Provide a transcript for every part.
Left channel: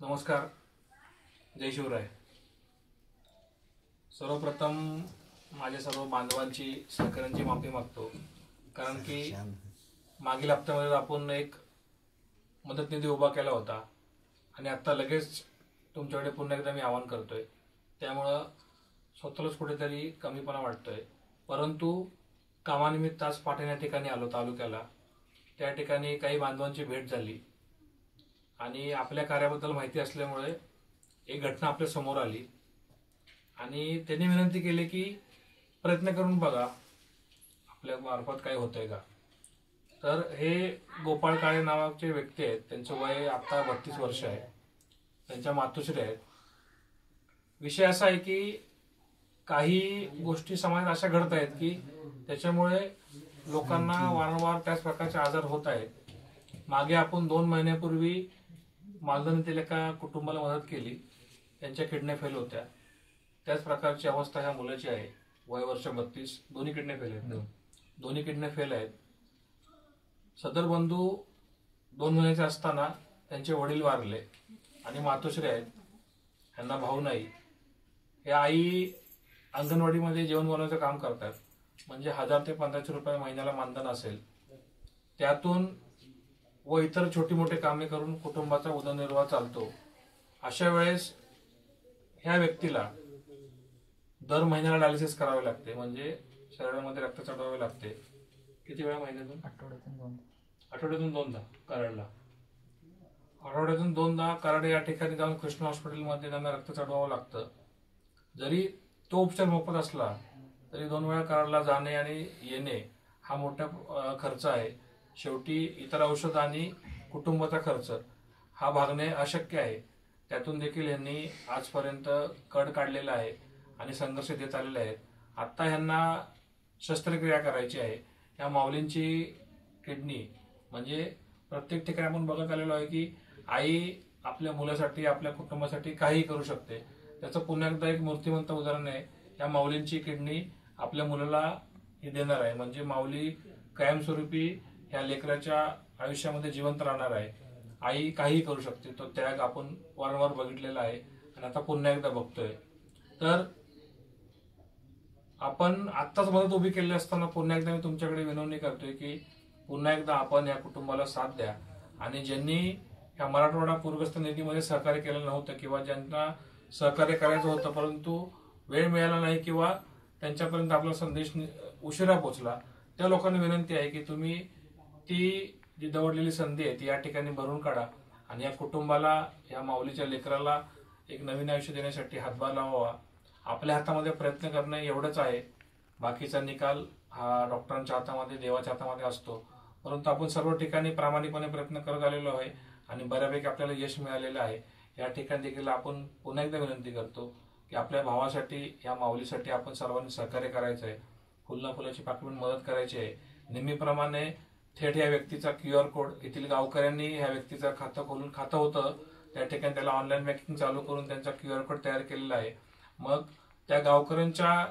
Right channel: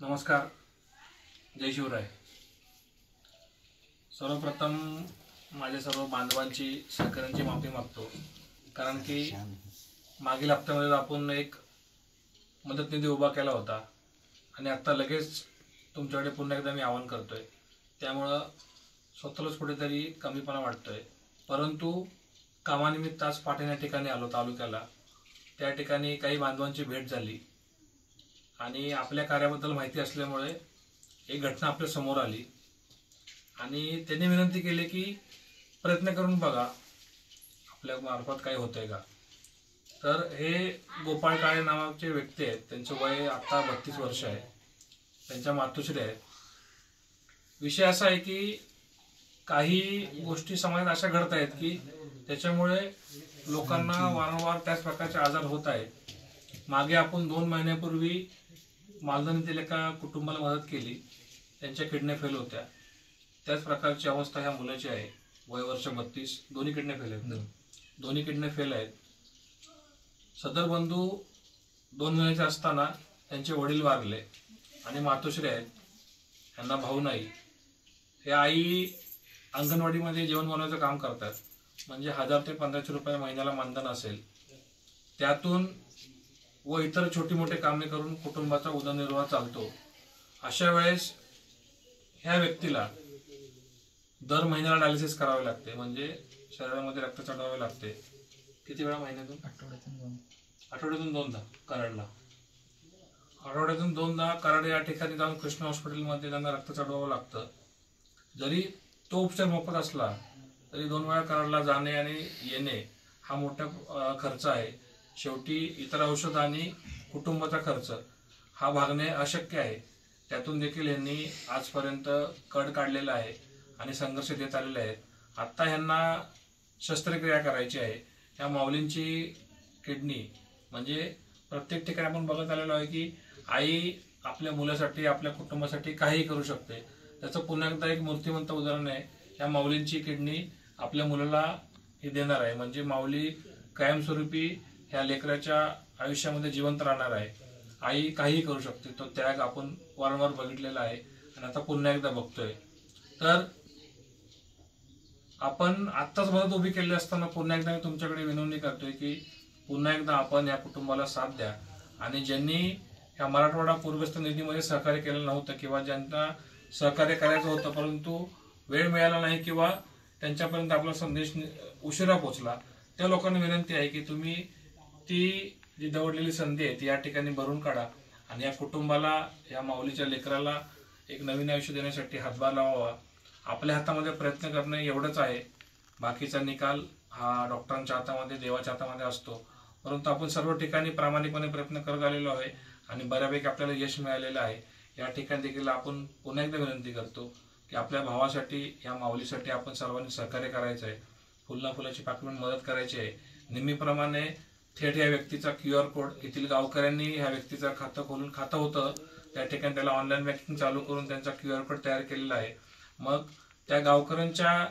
नमस्कार, जय शिवराय। सर्वप्रथम माझ्या सर्व बांधवांची सहकार्यांची माफी मागतो, कारण की मागील हप्त्यामध्ये आपण एक मदत निधी उभा केला होता आणि आता लगेच तुमच्याकडे पुन्हा एकदा मी आवाहन करतोय। त्यामुळे स्वतःलाच कुठेतरी कमीपणा वाटतोय, परंतु कामानिमित्त आज पाटण या ठिकाणी आलो तालुक्याला। त्या ठिकाणी काही बांधवांची भेट झाली आणि आपल्या कार्याबद्दल माहिती असल्यामुळे एक घटना आपल्या समोर आली आणि त्यांनी विनंती केली की प्रयत्न करून बघा आपल्या मार्फत काय होतंय का। तर हे गोपाळ काळे नावाचे व्यक्ती आहेत, त्यांचं वय आता 32 वर्ष आहे, त्यांच्या मातोश्री आहेत। विषय असा आहे की काही गोष्टी समाजात अशा घडत आहेत की त्याच्यामुळे लोकांना वारंवार त्याच प्रकारचे आजार होत आहेत। मागे आपण 2 महिन्यापूर्वी मालदणीतील एका कुटुंबाला मदत केली, त्यांच्या किडन्या फेल होत्या। त्याच प्रकारची अवस्था ह्या मुलाची आहे, वय वर्ष 32, दोन्ही किडन्या फेल आहेत। दोन्ही किडन्या फेल आहेत। सदर बंधू 2 महिन्याचे असताना त्यांचे वडील वारले आणि मातोश्री आहेत, त्यांना भाऊ नाही। हे आई अंगणवाडीमध्ये जेवण बनवण्याचं काम करतात, म्हणजे 1000 ते 1500 रुपये महिन्याला मानधन असेल, त्यातून व इतर छोटी मोठे कामे करून कुटुंबाचा उदरनिर्वाह चालतो। अशा वेळेस ह्या व्यक्तीला दर महिन्याला डायलिसिस करावे लागते, म्हणजे शरीरामध्ये रक्त चढवावे लागते। किती वेळा महिन्यातून? आठवड्यातून 2दा कराडला। आठवड्यातून 2दा कराड या ठिकाणी जाऊन कृष्ण हॉस्पिटलमध्ये त्यांना रक्त चढवावं लागतं। जरी तो उपचार मोफत असला तरी 2 वेळा कराडला जाणे आणि येणे हा मोठा खर्च आहे। शेवटी इतर औषध आणि कुटुंबाचा खर्च हा भागणे अशक्य आहे। त्यातून देखील यांनी आजपर्यंत कड काढलेला आहे आणि संघर्ष देत आलेले आहेत। आता ह्यांना शस्त्रक्रिया करायची आहे। ह्या माऊलींची किडनी म्हणजे प्रत्येक ठिकाणी आपण बघत आलेलो आहे की आई आपल्या मुलासाठी आपल्या कुटुंबासाठी काहीही करू शकते। त्याचं पुन्हा एकदा एक मूर्तिमंत उदाहरण आहे, ह्या माऊलींची किडनी आपल्या मुलाला हे देणार आहे, म्हणजे माऊली कायमस्वरूपी ह्या लेकराच्या आयुष्यामध्ये जिवंत राहणार आहे। आई काहीही करू शकते, तो त्याग आपण वारंवार बघितलेला आहे आणि आता पुन्हा एकदा बघतोय। तर आपण आत्ताच मदत उभी केली असताना पुन्हा एकदा मी तुमच्याकडे विनवणी करतोय की पुन्हा एकदा आपण या कुटुंबाला साथ द्या आणि ज्यांनी ह्या मराठवाडा पूरग्रस्त निधीमध्ये सहकार्य केलेलं नव्हतं किंवा ज्यांना सहकार्य करायचं होतं परंतु वेळ मिळाला नाही किंवा त्यांच्यापर्यंत आपला संदेश उशिरा पोहोचला, त्या लोकांना विनंती आहे की तुम्ही ती जी दवडलेली संधी आहे ती या ठिकाणी भरून काढा आणि या कुटुंबाला, या माऊलीच्या लेकराला एक नवीन आयुष्य देण्यासाठी हातभार लावावा। आपल्या हातामध्ये प्रयत्न करणे एवढंच आहे, बाकीचा निकाल हा डॉक्टरांच्या हातामध्ये, देवाच्या हातामध्ये असतो। परंतु आपण सर्व ठिकाणी प्रामाणिकपणे प्रयत्न करत आलेलो आहे आणि बऱ्यापैकी आपल्याला यश मिळालेलं आहे। या ठिकाणी देखील आपण पुन्हा एकदा विनंती करतो की आपल्या भावासाठी, या माऊलीसाठी आपण सर्वांनी सहकार्य करायचं आहे, फुलना फुलाची पाकळून मदत करायची आहे। नेहमीप्रमाणे थेट या व्यक्तीचा QR कोड, येथील गावकऱ्यांनी ह्या व्यक्तीचं खातं होतं, त्या ठिकाणी त्याला ऑनलाईन बँकिंग चालू करून त्यांचा QR कोड तयार केलेला आहे। मग त्या गावकऱ्यांच्या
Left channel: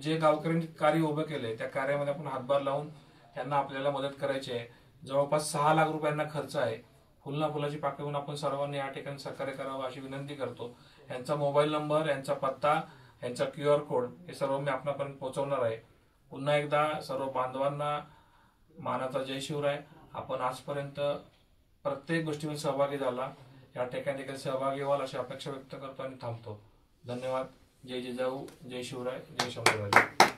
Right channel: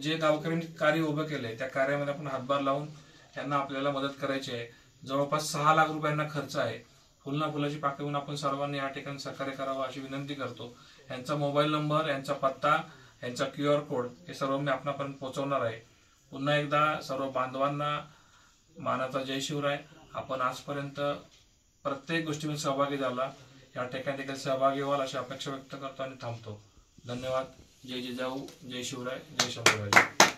जे गावकऱ्यांनी कार्य उभं केलंय त्या कार्यामध्ये आपण हातभार लावून त्यांना आपल्याला मदत करायची आहे। जवळपास 6 लाख रुपयांना खर्च आहे। फुलना फुलाची पाकळून आपण सर्वांनी या ठिकाणी सहकार्य करावं अशी विनंती करतो। यांचा मोबाईल नंबर, यांचा पत्ता, यांचा QR कोड हे सर्व मी आपणापर्यंत पोहोचवणार आहे। पुन्हा एकदा सर्व बांधवांना मानाचा जय शिवराय। आपण आजपर्यंत प्रत्येक गोष्टीमध्ये सहभागी झाला, या ठिकाणी देखील सहभागी व्हाल अशी अपेक्षा व्यक्त करतो आणि थांबतो। धन्यवाद। जय जिजाऊ, जय शिवराय, जय शंभूराज।